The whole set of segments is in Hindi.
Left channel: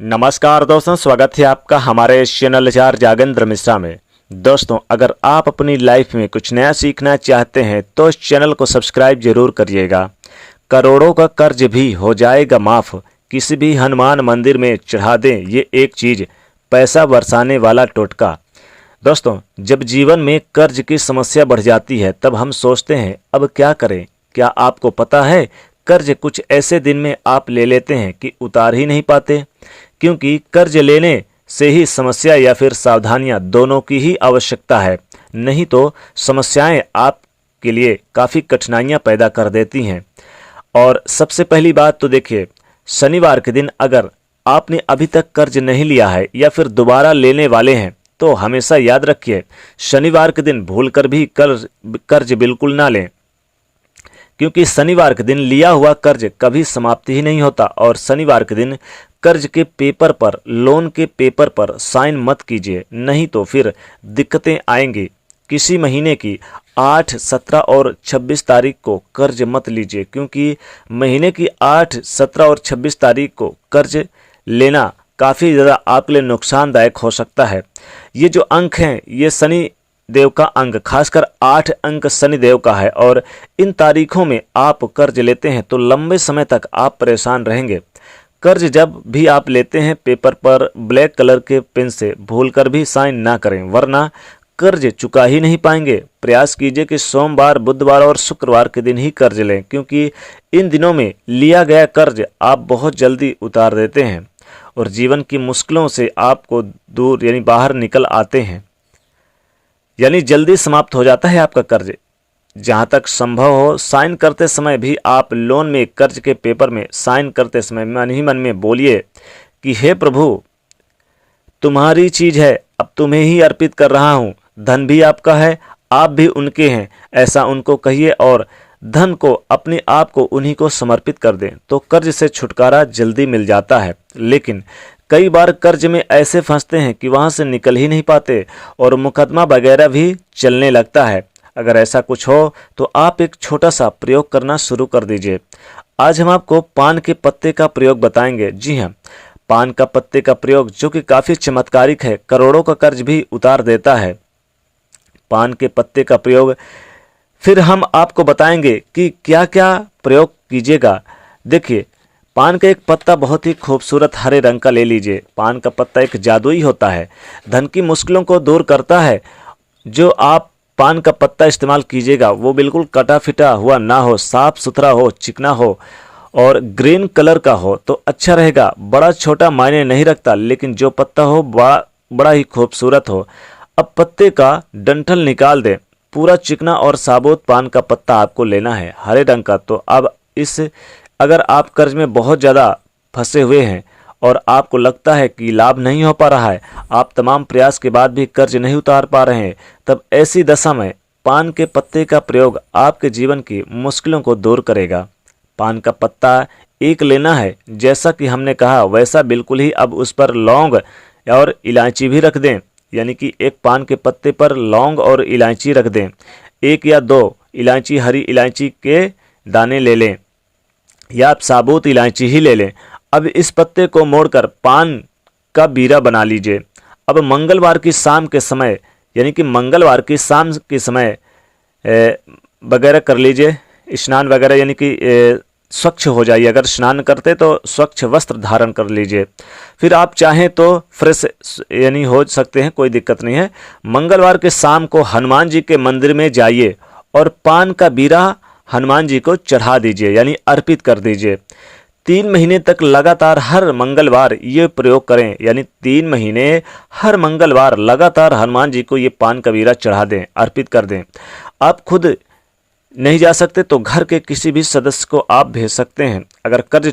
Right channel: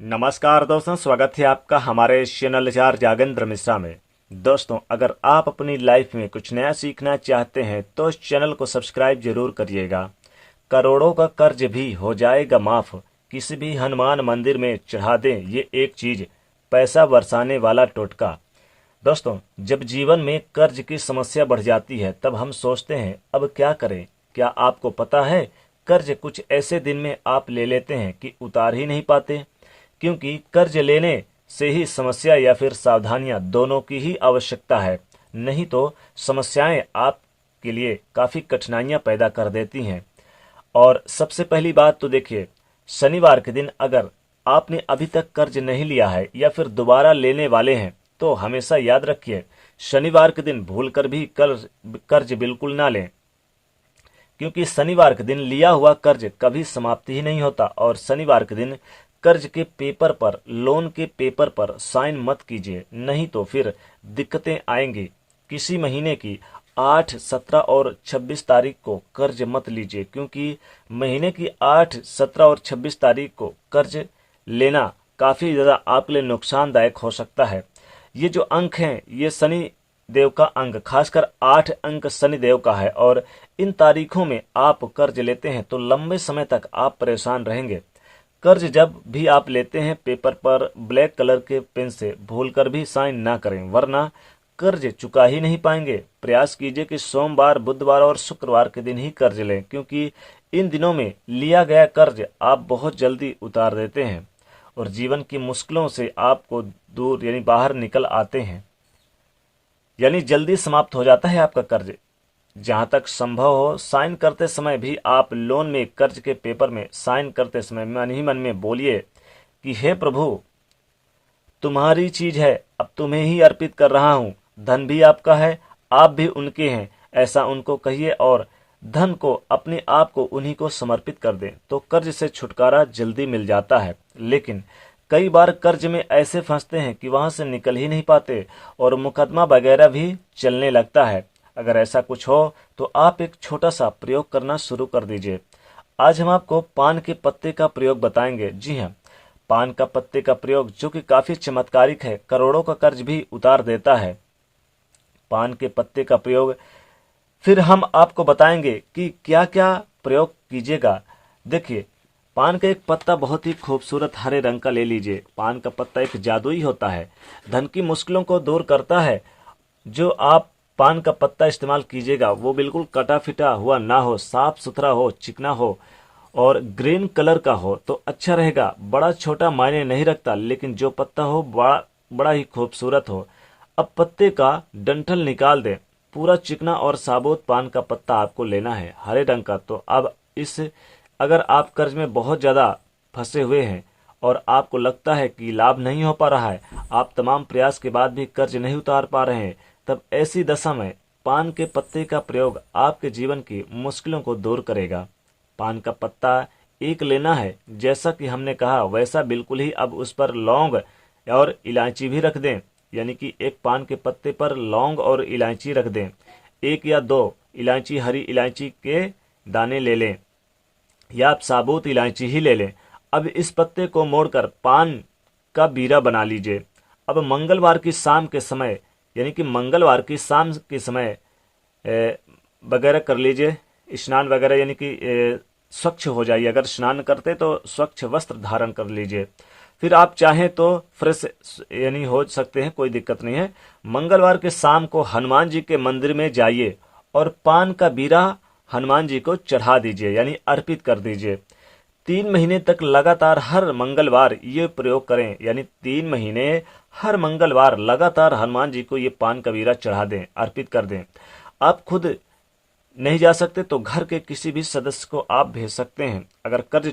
नमस्कार दोस्तों, स्वागत है आपका हमारे चैनल चार जागेंद्र मिश्रा में। दोस्तों, अगर आप अपनी लाइफ में कुछ नया सीखना चाहते हैं तो इस चैनल को सब्सक्राइब जरूर करिएगा। करोड़ों का कर्ज भी हो जाएगा माफ, किसी भी हनुमान मंदिर में चढ़ा दें ये एक चीज, पैसा बरसाने वाला टोटका। दोस्तों, जब जीवन में कर्ज की समस्या बढ़ जाती है तब हम सोचते हैं अब क्या करें। क्या आपको पता है, कर्ज कुछ ऐसे दिन में आप ले लेते हैं कि उतार ही नहीं पाते, क्योंकि कर्ज लेने से ही समस्या या फिर सावधानियां दोनों की ही आवश्यकता है। नहीं तो समस्याएं आपके लिए काफ़ी कठिनाइयां पैदा कर देती हैं। और सबसे पहली बात तो देखिए, शनिवार के दिन अगर आपने अभी तक कर्ज नहीं लिया है या फिर दोबारा लेने वाले हैं तो हमेशा याद रखिए, शनिवार के दिन भूलकर भी कर्ज बिल्कुल ना लें, क्योंकि शनिवार के दिन लिया हुआ कर्ज कभी समाप्ति ही नहीं होता। और शनिवार के दिन कर्ज के पेपर पर, लोन के पेपर पर साइन मत कीजिए, नहीं तो फिर दिक्कतें आएंगी। किसी महीने की 8, 17 और 26 तारीख को कर्ज मत लीजिए, क्योंकि महीने की 8, 17 और 26 तारीख को कर्ज लेना काफ़ी ज़्यादा आपके लिए नुकसानदायक हो सकता है। ये जो अंक हैं ये शनि देव का अंक, खासकर 8 अंक शनि देव का है, और इन तारीखों में आप कर्ज लेते हैं तो लंबे समय तक आप परेशान रहेंगे। कर्ज जब भी आप लेते हैं पेपर पर ब्लैक कलर के पेन से भूलकर भी साइन ना करें, वरना कर्ज चुका ही नहीं पाएंगे। प्रयास कीजिए कि सोमवार, बुधवार और शुक्रवार के दिन ही कर्ज लें, क्योंकि इन दिनों में लिया गया कर्ज आप बहुत जल्दी उतार देते हैं और जीवन की मुश्किलों से आपको दूर यानी बाहर निकल आते हैं, यानी जल्दी समाप्त हो जाता है आपका कर्ज। जहाँ तक संभव हो, साइन करते समय भी आप लोन में, कर्ज के पेपर में साइन करते समय मन ही मन में बोलिए कि हे प्रभु, तुम्हारी चीज है, अब तुम्हें ही अर्पित कर रहा हूँ। धन भी आपका है, आप भी उनके हैं, ऐसा उनको कहिए और धन को, अपने आप को उन्हीं को समर्पित कर दें तो कर्ज से छुटकारा जल्दी मिल जाता है। लेकिन कई बार कर्ज में ऐसे फंसते हैं कि वहां से निकल ही नहीं पाते और मुकदमा वगैरह भी चलने लगता है। अगर ऐसा कुछ हो तो आप एक छोटा सा प्रयोग करना शुरू कर दीजिए। आज हम आपको पान के पत्ते का प्रयोग बताएंगे। जी हाँ, पान का पत्ते का प्रयोग जो कि काफ़ी चमत्कारिक है, करोड़ों का कर्ज भी उतार देता है। पान के पत्ते का प्रयोग फिर हम आपको बताएंगे कि क्या क्या प्रयोग कीजिएगा। देखिए, पान का एक पत्ता बहुत ही खूबसूरत हरे रंग का ले लीजिए। पान का पत्ता एक जादुई होता है, धन की मुश्किलों को दूर करता है। जो आप पान का पत्ता इस्तेमाल कीजिएगा वो बिल्कुल कटा फिटा हुआ ना हो, साफ सुथरा हो, चिकना हो और ग्रीन कलर का हो तो अच्छा रहेगा। बड़ा छोटा मायने नहीं रखता, लेकिन जो पत्ता हो बड़ा ही खूबसूरत हो। अब पत्ते का डंठल निकाल दें। पूरा चिकना और साबुत पान का पत्ता आपको लेना है, हरे रंग का। तो अब इस, अगर आप कर्ज में बहुत ज़्यादा फंसे हुए हैं और आपको लगता है कि लाभ नहीं हो पा रहा है, आप तमाम प्रयास के बाद भी कर्ज नहीं उतार पा रहे हैं, तब ऐसी दशा में पान के पत्ते का प्रयोग आपके जीवन की मुश्किलों को दूर करेगा। पान का पत्ता एक लेना है, जैसा कि हमने कहा वैसा बिल्कुल ही। अब उस पर लौंग और इलायची भी रख दें, यानी कि एक पान के पत्ते पर लौंग और इलायची रख दें। 1 या 2 इलायची, हरी इलायची के दाने ले लें या आप साबुत इलायची ही ले लें। अब इस पत्ते को मोड़कर पान का बीरा बना लीजिए। अब मंगलवार की शाम के समय, यानी कि मंगलवार की शाम के समय वगैरह कर लीजिए, स्नान वगैरह, यानी कि स्वच्छ हो जाइए। अगर स्नान करते तो स्वच्छ वस्त्र धारण कर लीजिए। फिर आप चाहें तो फ्रेश यानी हो सकते हैं, कोई दिक्कत नहीं है। मंगलवार के शाम को हनुमान जी के मंदिर में जाइए और पान का बीरा हनुमान जी को चढ़ा दीजिए, यानी अर्पित कर दीजिए। 3 महीने तक लगातार हर मंगलवार ये प्रयोग करें, यानी 3 महीने हर मंगलवार लगातार हनुमान जी को ये पान का बीरा चढ़ा दें, अर्पित कर दें। आप खुद नहीं जा सकते तो घर के किसी भी सदस्य को आप भेज सकते हैं। अगर कर्ज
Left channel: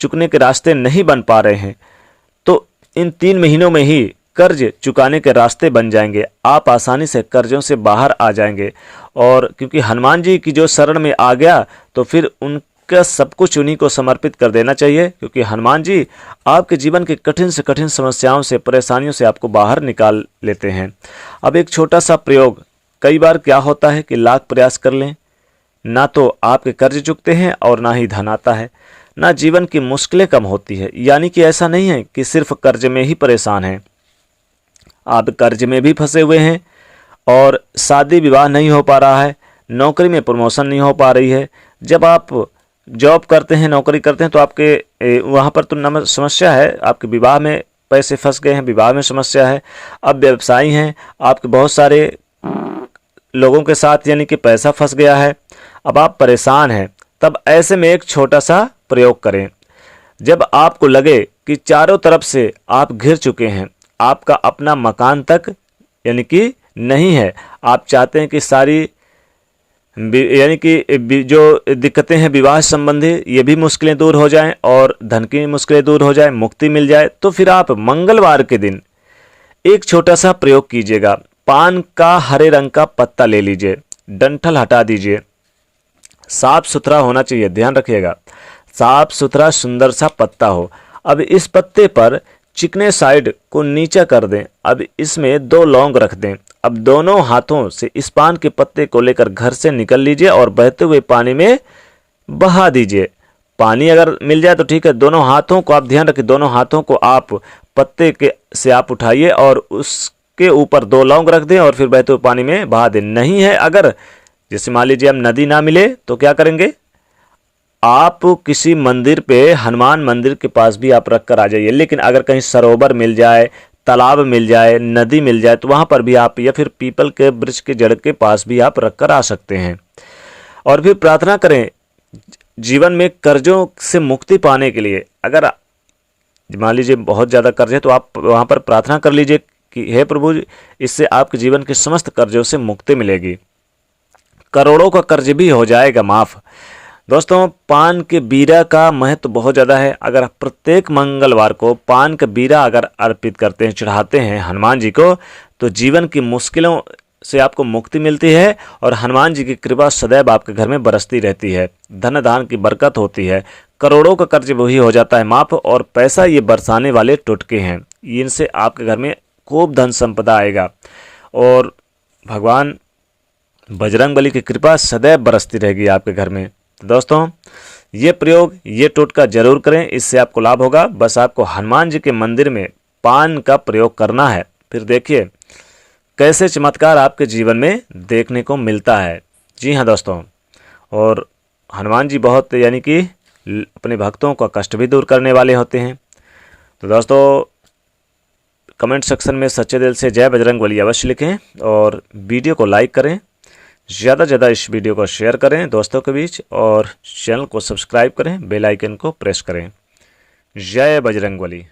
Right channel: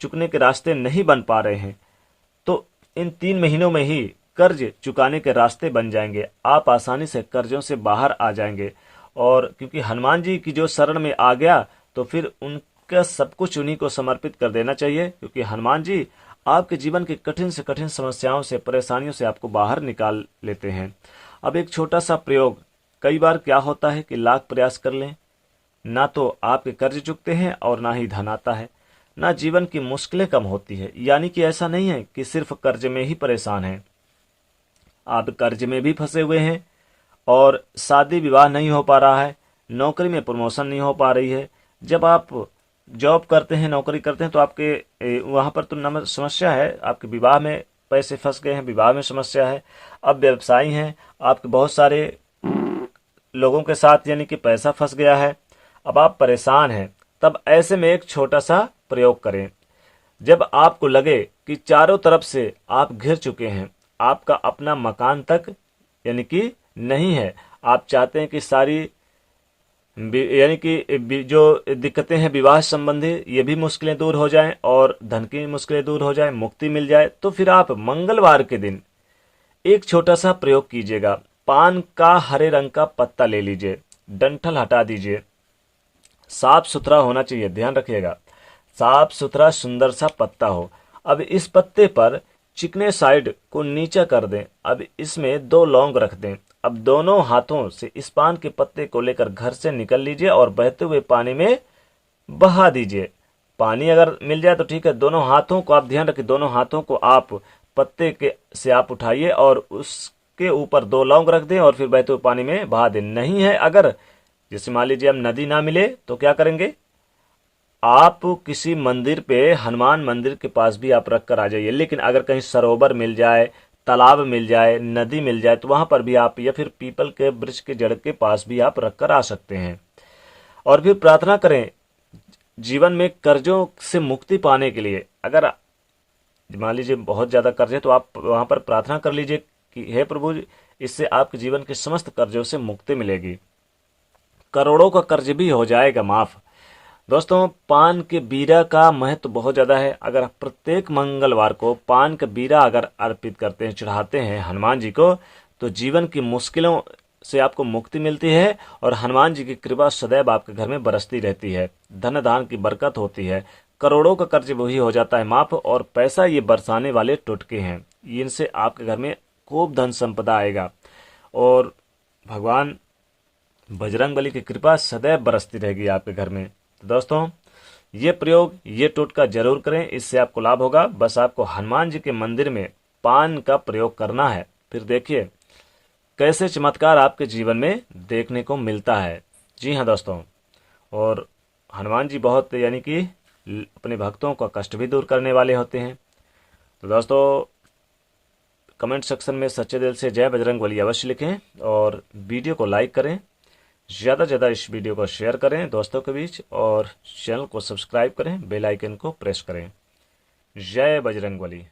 चुकने के रास्ते नहीं बन पा रहे हैं तो इन 3 महीनों में ही कर्ज चुकाने के रास्ते बन जाएंगे। आप आसानी से कर्जों से बाहर आ जाएंगे। और क्योंकि हनुमान जी की जो शरण में आ गया तो फिर उनका सब कुछ उन्हीं को समर्पित कर देना चाहिए, क्योंकि हनुमान जी आपके जीवन की कठिन से कठिन समस्याओं से, परेशानियों से आपको बाहर निकाल लेते हैं। अब एक छोटा सा प्रयोग। कई बार क्या होता है कि लाख प्रयास कर लें, ना तो आपके कर्ज चुकते हैं और ना ही धन आता है। ना जीवन की मुश्किलें कम होती है। यानी कि ऐसा नहीं है कि सिर्फ कर्ज में ही परेशान हैं, आप कर्ज में भी फंसे हुए हैं और शादी विवाह नहीं हो पा रहा है, नौकरी में प्रमोशन नहीं हो पा रही है। जब आप जॉब करते हैं, नौकरी करते हैं, तो आपके वहाँ पर तो समस्या है, आपके विवाह में पैसे फंस गए हैं, विवाह में समस्या है। अब व्यवसायी हैं, आपके बहुत सारे लोगों के साथ यानी कि पैसा फंस गया है, अब आप परेशान हैं। तब ऐसे में एक छोटा सा प्रयोग करें। जब आपको लगे कि चारों तरफ से आप घिर चुके हैं, आपका अपना मकान तक यानी कि नहीं है, आप चाहते हैं कि सारी यानी कि जो दिक्कतें हैं विवाह संबंधी ये भी मुश्किलें दूर हो जाएं और धन की मुश्किलें दूर हो जाएं, मुक्ति मिल जाए, तो फिर आप मंगलवार के दिन एक छोटा सा प्रयोग कीजिएगा। पान का हरे रंग का पत्ता ले लीजिए, डंठल हटा दीजिए, साफ सुथरा होना चाहिए, ध्यान रखिएगा, साफ सुथरा सुंदर सा पत्ता हो। अब इस पत्ते पर चिकने साइड को नीचा कर दें। अब इसमें 2 लौंग रख दें। अब दोनों हाथों से इस पान के पत्ते को लेकर घर से निकल लीजिए और बहते हुए पानी में बहा दीजिए। पानी अगर मिल जाए तो ठीक है, दोनों हाथों को आप ध्यान रखिए, दोनों हाथों को आप पत्ते के से आप उठाइए और उसके ऊपर 2 लौंग रख दें और फिर बहते हुए पानी में बहा दें। नहीं है अगर जैसे मान लीजिए हम नदी ना मिले तो क्या करेंगे, आप किसी मंदिर पे, हनुमान मंदिर के पास भी आप रख कर आ जाइए। लेकिन अगर कहीं सरोवर मिल जाए, तालाब मिल जाए, नदी मिल जाए, तो वहां पर भी आप, या फिर पीपल के वृक्ष के जड़ के पास भी आप रख कर आ सकते हैं। और फिर प्रार्थना करें जीवन में कर्जों से मुक्ति पाने के लिए। अगर मान लीजिए बहुत ज़्यादा कर्ज है तो आप वहां पर प्रार्थना कर लीजिए कि हे प्रभु, इससे आपके जीवन के समस्त कर्जों से मुक्ति मिलेगी, करोड़ों का कर्ज भी हो जाएगा माफ़। दोस्तों, पान के बीरा का महत्व बहुत ज़्यादा है। अगर प्रत्येक मंगलवार को पान का बीरा अगर अर्पित करते हैं, चढ़ाते हैं हनुमान जी को, तो जीवन की मुश्किलों से आपको मुक्ति मिलती है और हनुमान जी की कृपा सदैव आपके घर में बरसती रहती है, धन धान की बरकत होती है, करोड़ों का कर्ज वही हो जाता है माफ़। और पैसा ये बरसाने वाले टुटके हैं, इनसे आपके घर में खूब धन संपदा आएगा और भगवान बजरंगबली की कृपा सदैव बरसती रहेगी आपके घर में। तो दोस्तों, ये प्रयोग, ये टोटका जरूर करें, इससे आपको लाभ होगा। बस आपको हनुमान जी के मंदिर में पान का प्रयोग करना है, फिर देखिए कैसे चमत्कार आपके जीवन में देखने को मिलता है। जी हाँ दोस्तों, और हनुमान जी बहुत यानी कि अपने भक्तों का कष्ट भी दूर करने वाले होते हैं। तो दोस्तों, कमेंट सेक्शन में सच्चे दिल से जय बजरंगबली अवश्य लिखें और वीडियो को लाइक करें, ज़्यादा से ज़्यादा इस वीडियो को शेयर करें दोस्तों के बीच और चैनल को सब्सक्राइब करें, बेल आइकन को प्रेस करें। जय बजरंगबली।